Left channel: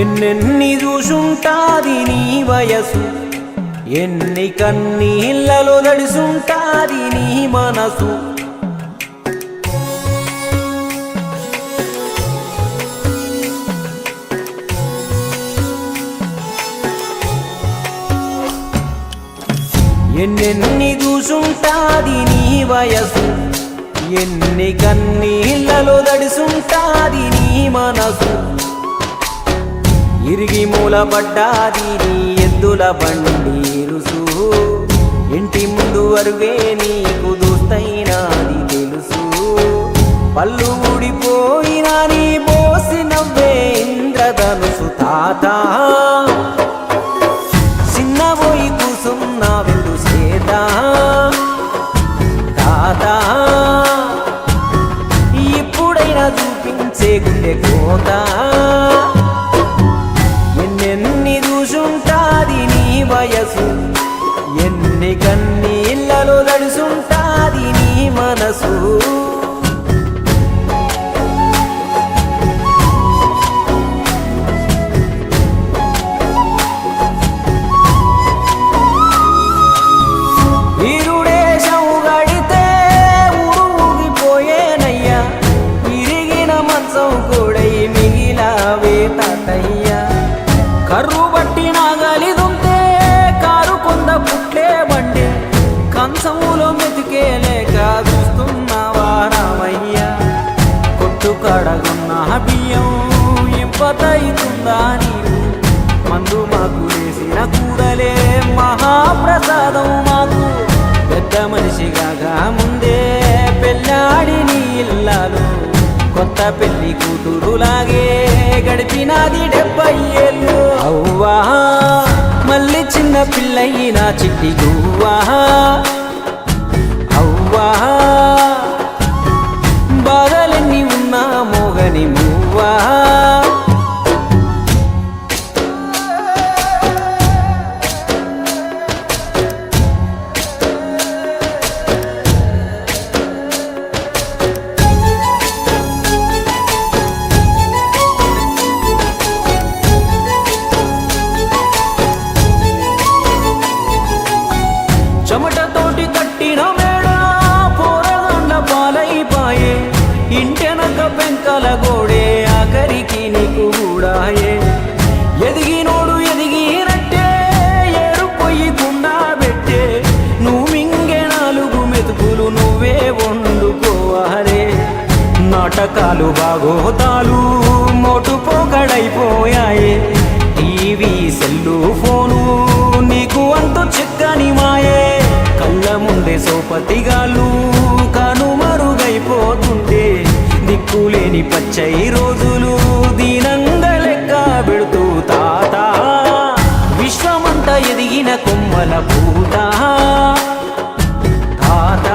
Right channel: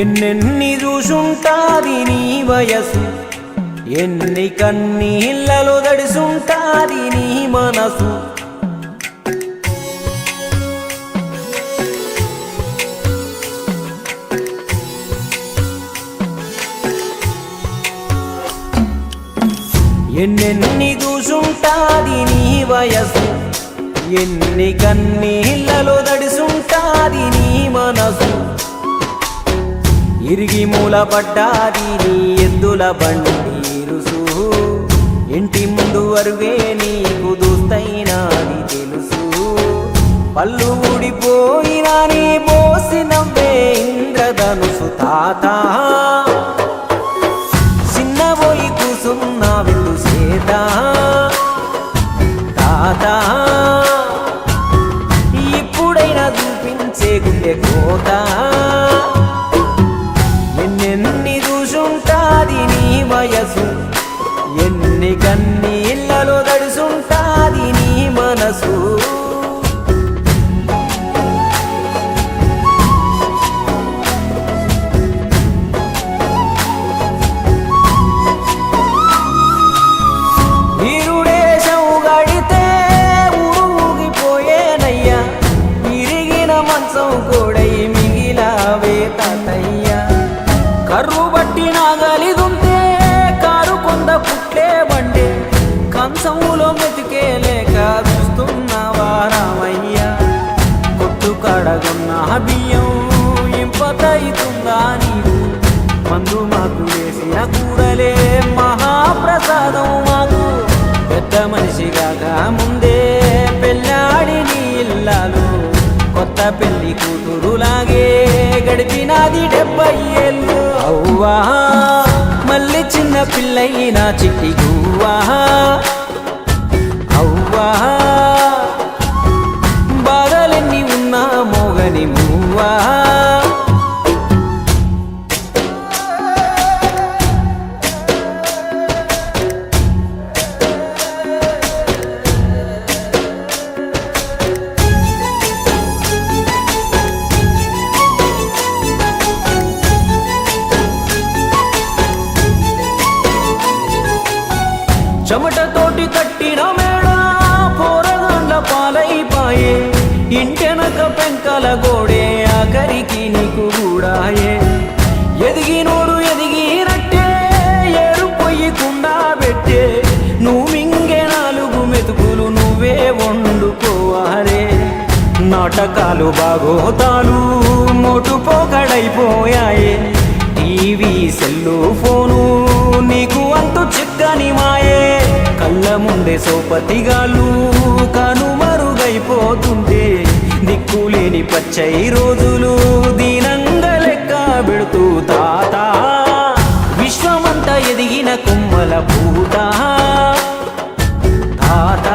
ఎన్నెన్ని చూసుంటాది నీ వయసు, ఎన్ని కన్నీళ్ళలో దడిసుంటాది నీ మనసు. ఎన్నెన్ని చూసుంటాది నీ వయసు, ఎన్ని కన్నీళ్ళలో దడిసుంటాది నీ మనసు. ఇరిగి మూలపడ్డాది నీ ఎద్దుల బండి రుసు, ఇంటి ముందు అరుగే నీకు దోస్తైనాది తెలుసు. పళ్ళు ఊడిపోయినా నీ బోసి నవ్వే ఇంద్రధనుసు. తాత చిన్నబోయి కూసున్నా విందు సేత. తాత ఇప్పుడైనా చూపించే గుండె కోత. ఎన్నెన్ని చూసుంటాది నీ వయసు, ఎన్ని కన్నీళ్ళలో దడిసుంటాది నీ మనసు. ఈరుడేశం గడితే ఊగిపోయేనయ్యా, ఇరిగిన మంచం కూడై మిగిలావే తాతయ్యా. కర్రు బట్టి నాగలిదుంటే కారు కొంద పుట్లే బండే, కంచములో మెతికేలేక చూస్తున్నావా రామయ్యా. కొట్టు కడగున్న బియ్యం ఇంపతైతుందా నీకు, మందు మాకు వేసిన కూరలే మహాప్రసాదం మాకు. పెద్ద మనిషిగా ముందే పెళ్ళాడి నీ ఇల్లాలు, కొత్త పెళ్లి కూతురులాగే గడిపినాది 70 ఏళ్ళు. అవ్వా మళ్ళీ చిన్న పిల్లయినా చిట్టి గువ్వా. అవ్వా బాధలెన్ని ఉన్నా మోగని మువ్వా. చెమటతోటి కట్టిన మేడ పోరగాండ్ల పాలైపాయే, ఇంటెనక పెంకల గోడే ఆఖరికి నీకు గూడాయే. ఎదిగినోడు ఎదిగినట్టే ఏరు పొయ్యికుండా పెట్టే, నువ్వు మింగే 4 మెతుకులు నువ్వే వండుకోవాలే. నాటకాలు బాగోతాలు మోటు పోకడైపోయాయే, టీవీ సెల్లు ఫోను నీకు అంతు చిక్కని మాయే. కళ్ళ ముందే సోపతిగాళ్ళు కనుమరుగైపోతుంటే, దిక్కులేని పచ్చై రోజులు దీనంగా లెక్క పెడుతూ. తాత విశ్వమంతా ఎదిగిన కొమ్మల పూత. తాత